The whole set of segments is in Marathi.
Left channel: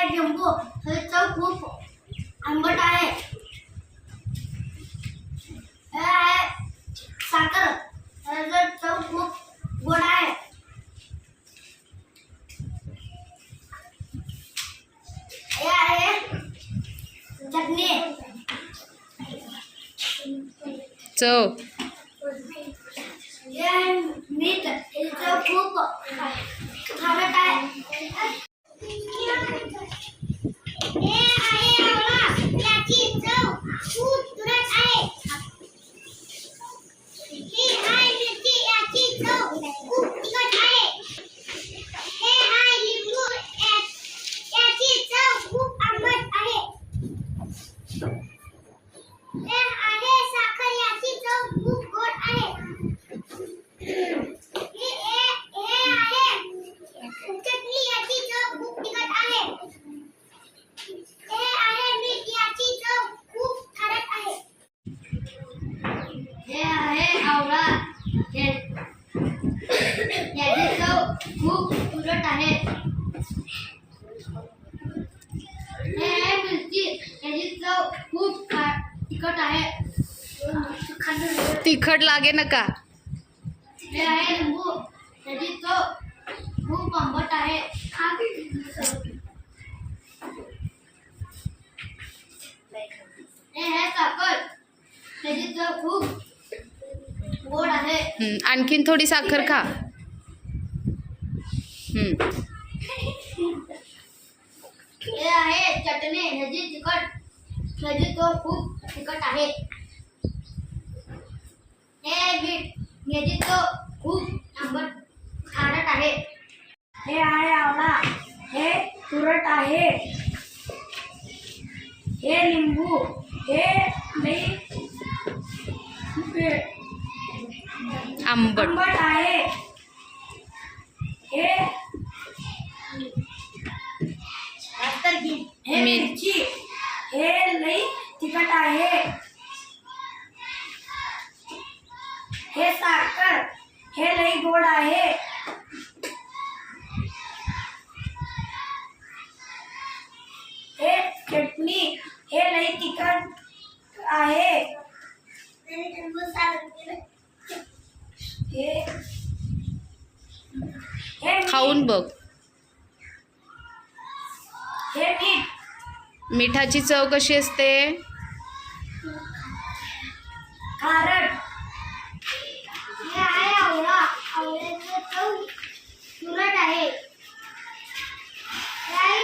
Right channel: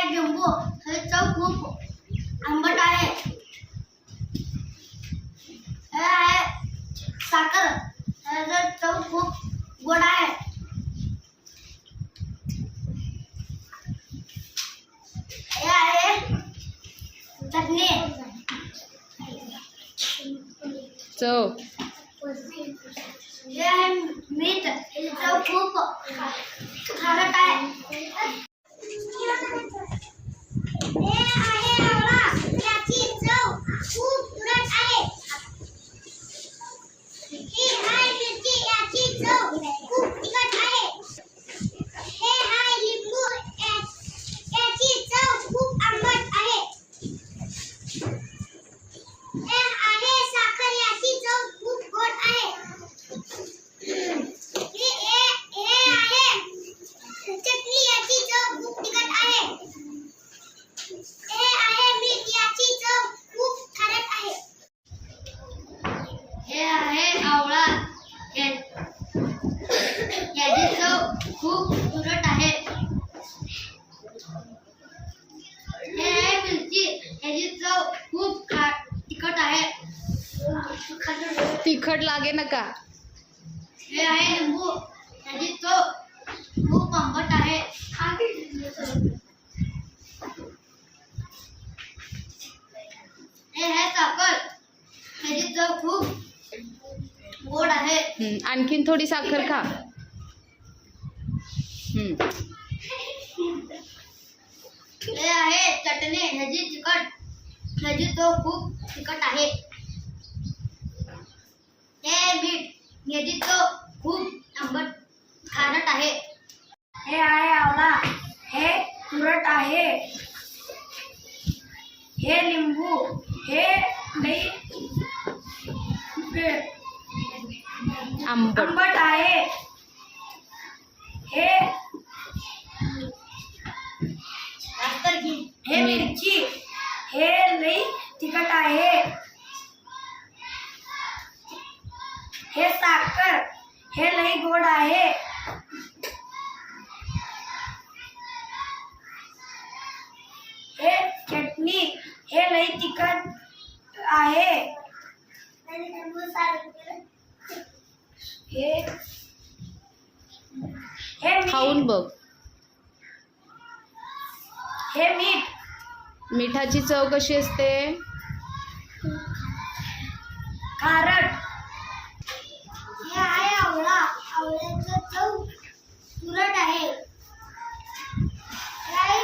आहे लिंबू, ह्याची चव खूप आंबट आहे. हे आहे साखर, ह्याची चव खूप गोड आहे. हे आहे चटणी, चव. हे आहे मीठ, ह्याची चव खूप खारट आहे. हे आहे आवळा, याची चव खूप तुरट आहे. ही आहे मिरची, याची चव खूप तिखट आहे. हे आहे लिंबू, याची चव खूप आंबट आहे. हे आहे साखर, याची चव खूप गोड आहे. हे आहे चटणी, याची चव खूप तिखट आहे. हे आहे मीठ, याची चव खूप खारट आहे. हे आहे आवळा, याची चव खूप तुरट आहे. हे आहे मिरची, याची चव खूप तिखट आहे. तिखट लागे नका. हे आहे लिंबू, याची चव खूप आंबट आहे. हे आहे साखर, याची चव खूप गोड आहे. आणखीन थोडी साखर खा. हे आहे चटणी, ह्याची चव खूप तिखट आहे. हे मीठ, ह्याची चव खूप आंबट खारट आहे. हे आहे आवळा, हे तुरट आहे. हे लिंबू, हे आंबट. आहे. हे मिरची, हे लई तिखट आहे. हे साखर, हे लई गोड आहे. हे चटणी, हे लई तिखट आहे. हे खाऊन बघ. हे मीठ, मिठाची चव कशी असते? खारट. हे आहे आवळा, आवळ्याची चव तुरट आहे. हे आहे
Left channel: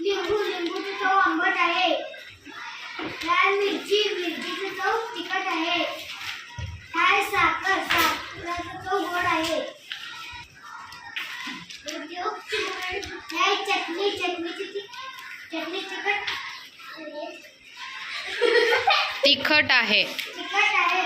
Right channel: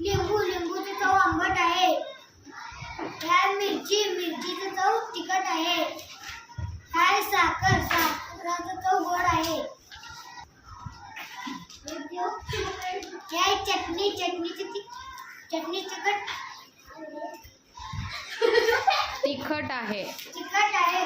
लिंबू, लिंबूची चव आंबट आहे. हे आहे मिरची, मिरचीची चव तिखट आहे. हे आहे साखर, साखरेची चव गोड आहे. हे आहे चटणी, चटणी तिखट तिखट आहे. आहे.